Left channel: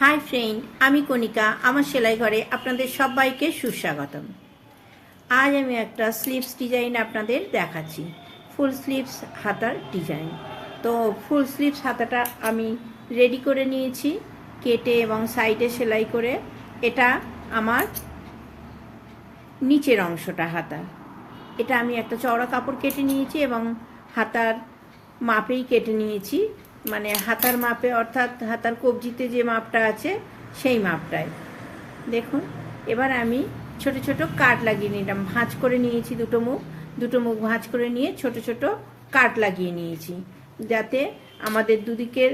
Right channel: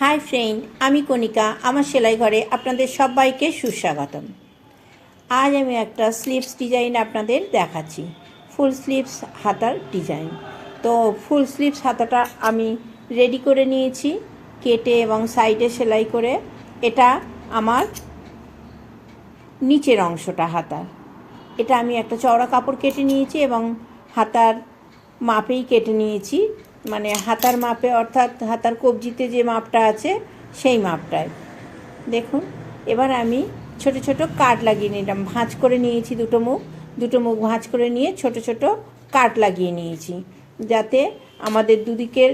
Hi friend, আমি কণিকা। আমার সেলাই ঘরে আপনাদের সবাইকে সুস্বাগতম। আজ আমি একটা স্লিভস ডিজাইন আপনাদের দেখাচ্ছি, ফুল স্লিভস হাতার ডিজাইন। তো ফুল স্লিভস হাতাটা আমি রেডি করে নিয়েছি, কেটে এবং সাইডে সেলাই করে। এটা আমার নিচের অংশটা হাতার। এটা আমি একটা চওড়া কাপড় কেটে নিয়েছি এবং হাতার মাপেই কেটে নিয়েছি, মানে হাতার মাপে, অর্থাৎ হাতার কবজিতে যে মাপটা আছে সেই মাপটায়। দেখুন, এবার আমি ছোট ছোট কাট লাগিয়ে নিলাম, ভাঁজ করে নিয়েছি। দুটো মুখ ভাঁজ করে নিয়ে ছোট ছোট কাট লাগিয়ে নিয়েছি, যাতে আমাদের দুদিকের,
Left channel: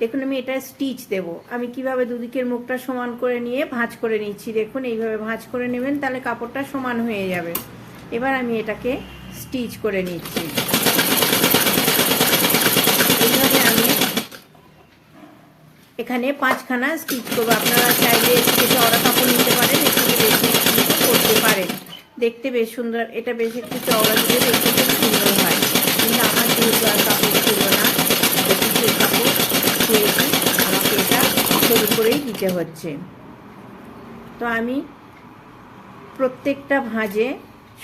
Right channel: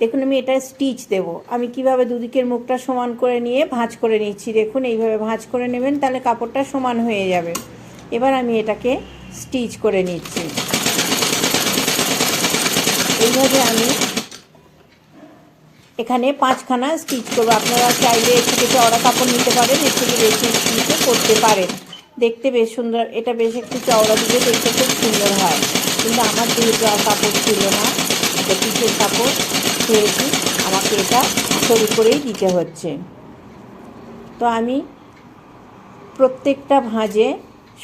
দেখুন আমি এটা স্টিচ দেব। আমি কিভাবে দুদিকের মুখটা সমান করে নিয়ে ভাঁজ করে নিচ্ছি। দেখুন, এইভাবে ভাঁজ করে নেবেন, তাহলে কাপড়টা সমান হয়ে যাবে। এবার আমি এটাকে স্টিচ করে নিচ্ছি। এইভাবে আমি এখানে 5খানা স্টিচ করবো। আপনারা চাইলে একটু চওড়া কাপড় নিতে পারেন, একটু বেশি নিতে করতে পারেন। দেখতে বেশ সুন্দর, এটা বেশ একটু চওড়া দিলে দেখতে খুব সুন্দর হয়। কিন্তু আমার যেহেতু আর কাপড় ছিল না, পিসের কাপড় পেয়েছি, আমাকে এটা সরু করেই দিতে হচ্ছে। তো আমি প্রত্যেকটা ভাঁজে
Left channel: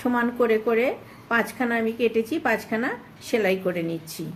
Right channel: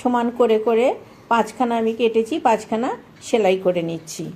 সমান করে করে 5খানা আমি কেটেছি, 5খানা সেলাই করে নিচ্ছি।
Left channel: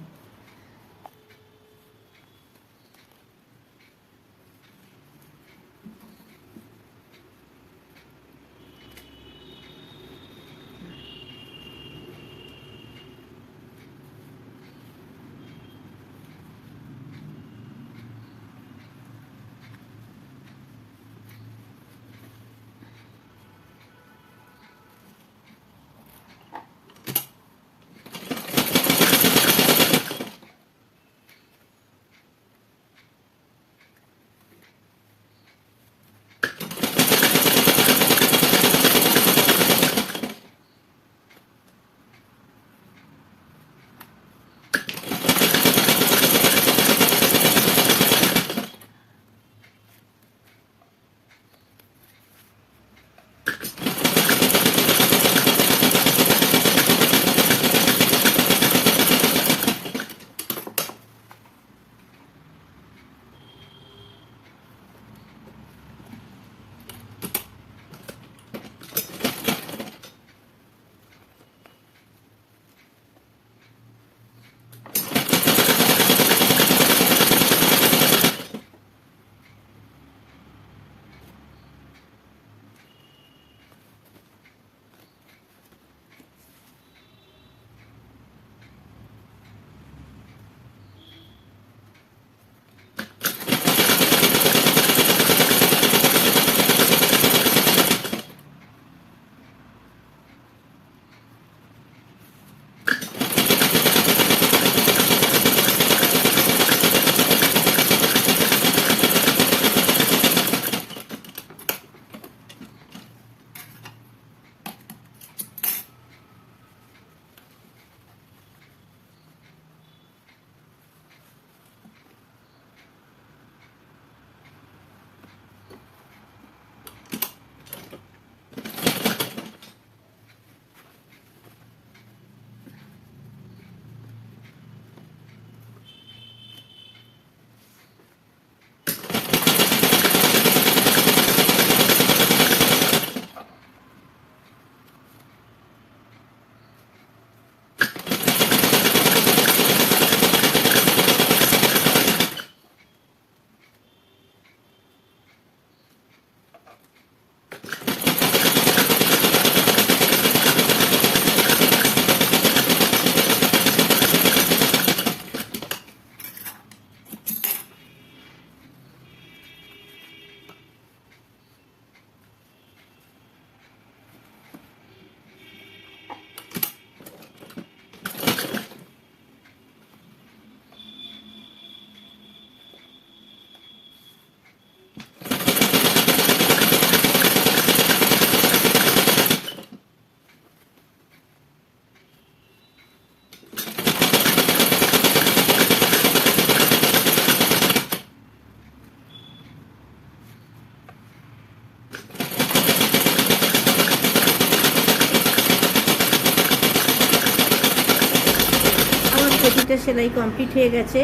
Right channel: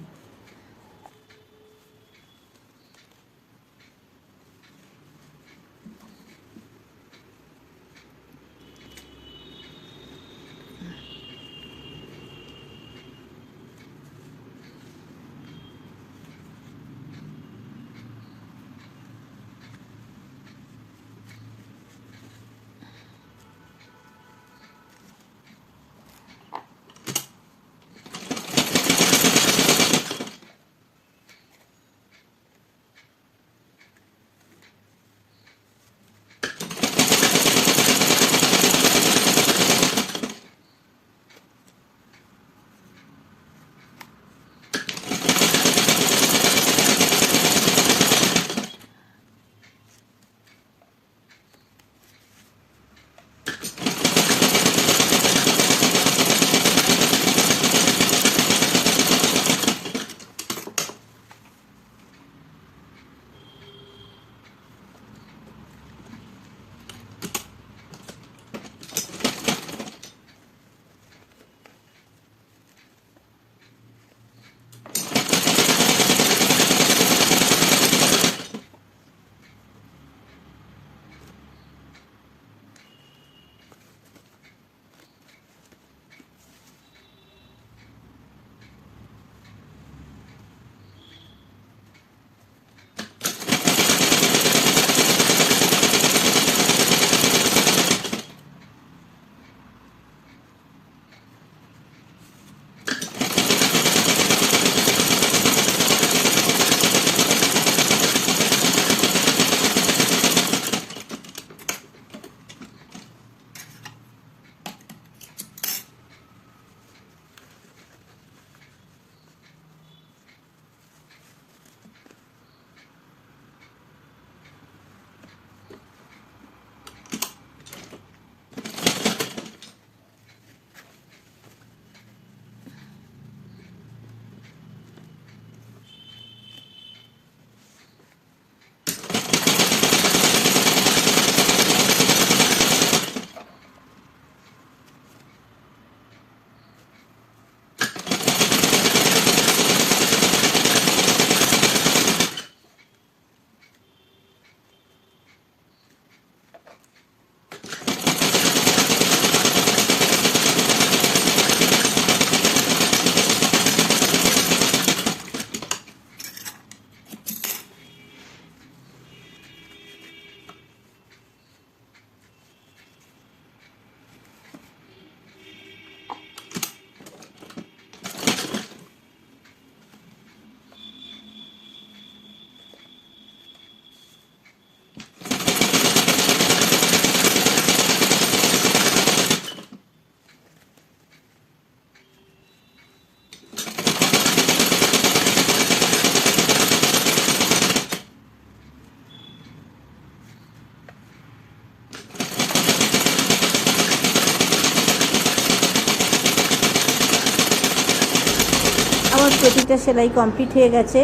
প্রতিটা সেলাই কমপ্লিট হয়ে গেছে।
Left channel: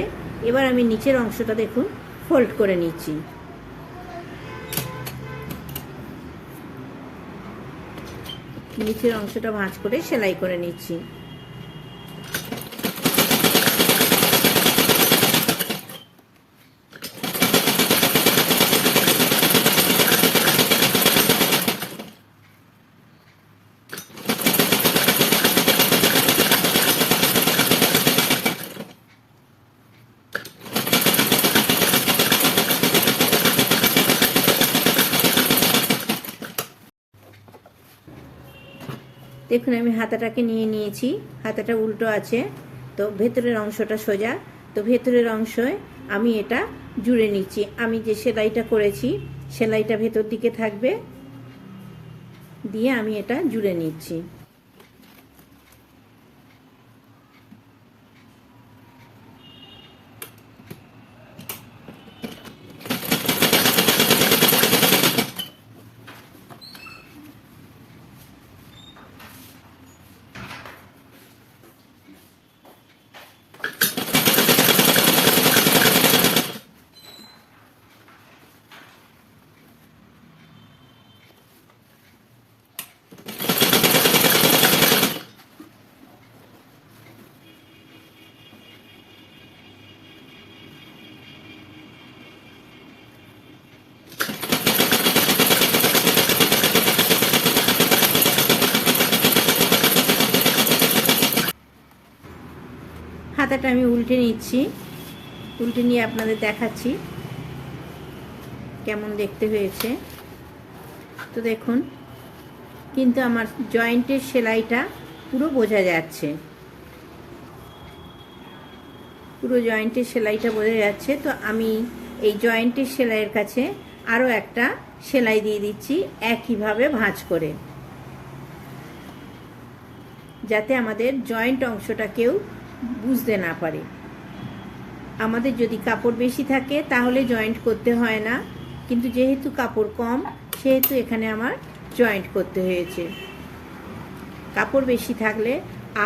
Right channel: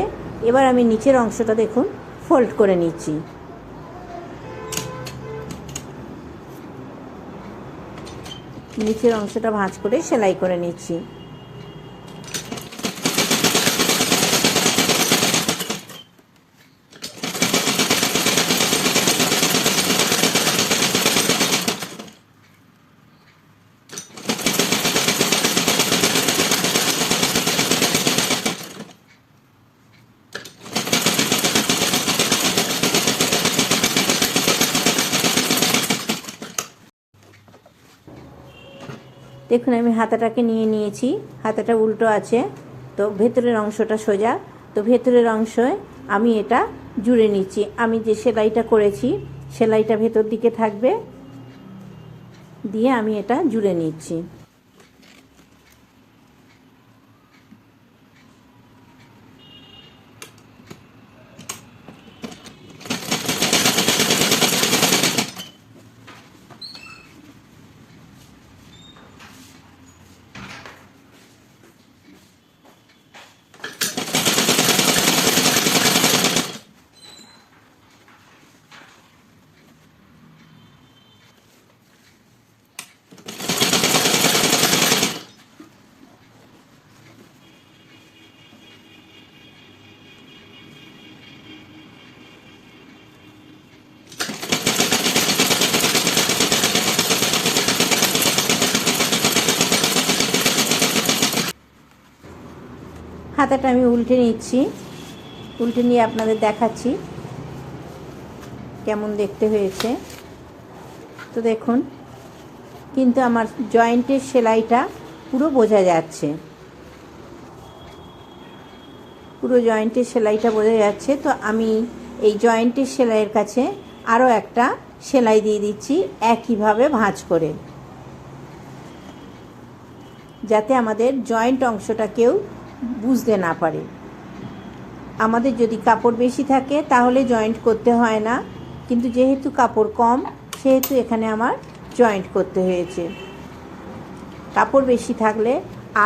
এবার আমি নিচের অংশটা দেখুন ফোল্ড করে নিচ্ছি। নিচের অংশটা ভাঁজ করে সেলাই করে নিচ্ছি। দেখুন আমি হাতাটাকে নিয়ে নিয়েছি, হাতাটা উল্টো আছে, তো ভেতরের অংশটা সোজা, তো ভেতরের অংশে আমি এটা জুড়ে নিচ্ছি। আমি যে সেলাইটা করেছি সেলাইটা ভেতর দিকে থাকবে, দিয়ে আমি এটা জুড়ে নিচ্ছি। হাতাটা আমি উল্টে নিচ্ছি, উল্টে নিয়ে আপনাদের দেখাচ্ছি কেমন দেখতে হয়েছে। তো দেখুন কিন্তু আমার জয়েন্টের সেলাইটা পুরো বোঝা যাচ্ছে, পুরো জয়েন্টের সেলাইটা বোঝা যাচ্ছে। তো আমি এই জয়েন্টের সেলাইয়ের কাছে আরও একটা সেলাই দিয়ে দিচ্ছি একইভাবে ভাঁজ করে, যাতে আমাদের জয়েন্ট অংশটা কেউ বুঝতে না পারে। আমাদের যদি কাপড় বেশি থাকে তাহলে জয়েন্ট করতে হয় না, কিন্তু যেহেতু কাপড় কম সেহেতু এখানে আমার জয়েন্ট করতে হয়েছে। কাপড় বেশি থাকলে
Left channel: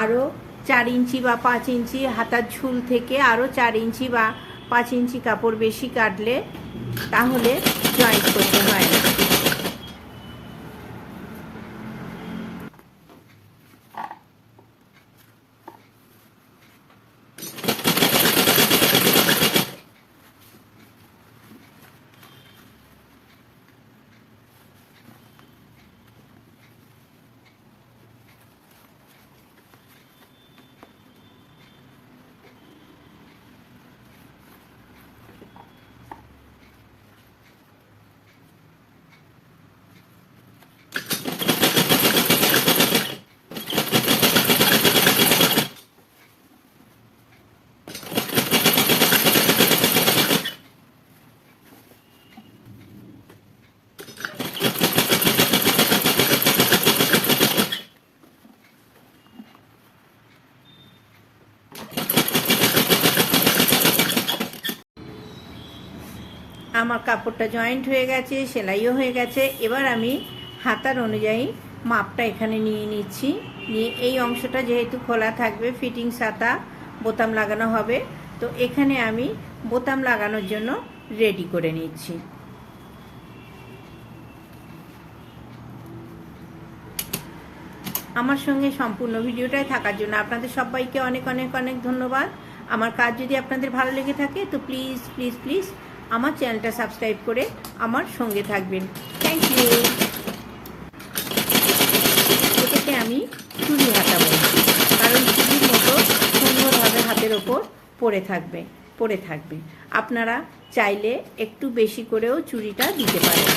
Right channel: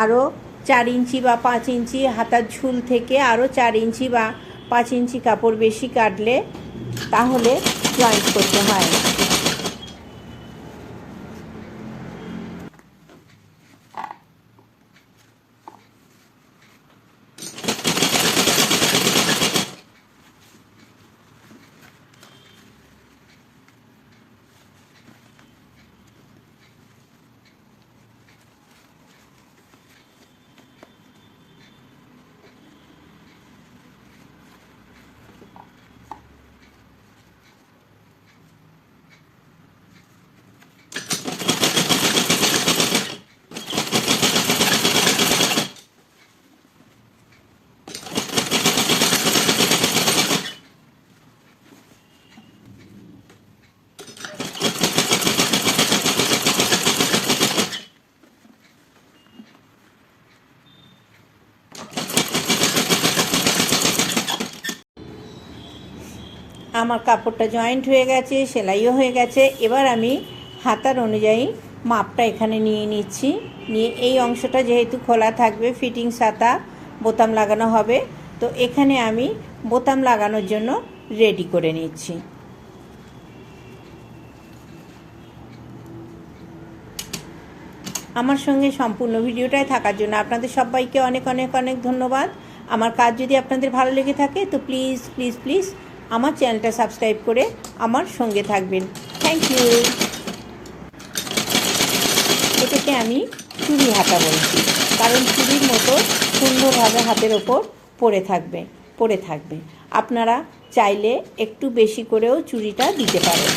আরও 4 ইঞ্চি বা 5 ইঞ্চি হাতার ঝুল থেকে আরও 4 ইঞ্চি বা 5 ইঞ্চি কাপড় বেশি কাটলে তাহলে জয়েন্ট করতে হয় না। আমার কাপড়টা জয়েন্ট হয়ে গেছে, সেলাইও হয়ে গেছে। এবার আমি হাতার অনুযায়ী মাপটা এখানে নিয়ে নিচ্ছি। নিয়ে এই অংশটা যেহেতু খোলা থাকবে, ফিটিংস হাতা, বোতাম লাগানো হবে, তো এখানে আমি বোতাম লাগানোর জন্য রেডি করে নিচ্ছি। আমার সঙ্গে সম্পূর্ণ ভিডিওটায় থাকার জন্য আপনাদের সবাইকে অনেক অনেক অনেক ধন্যবাদ। আমার কাজ যদি আপনাদের ভালো লেগে থাকে তো প্লিজ প্লিজ প্লিজ আমার চ্যানেলটা সাবস্ক্রাইব করে আমার সঙ্গে থাকবেন। Thank you. এটাকে আমি চুড়ি হাতা বলছি, কারণ চুড়ির মতো সুন্দরভাবে হাতের ওপর পড়ে থাকবে। আপনারা চাইলে একটু বেশি করেও চুড়িটা দিতে পারেন।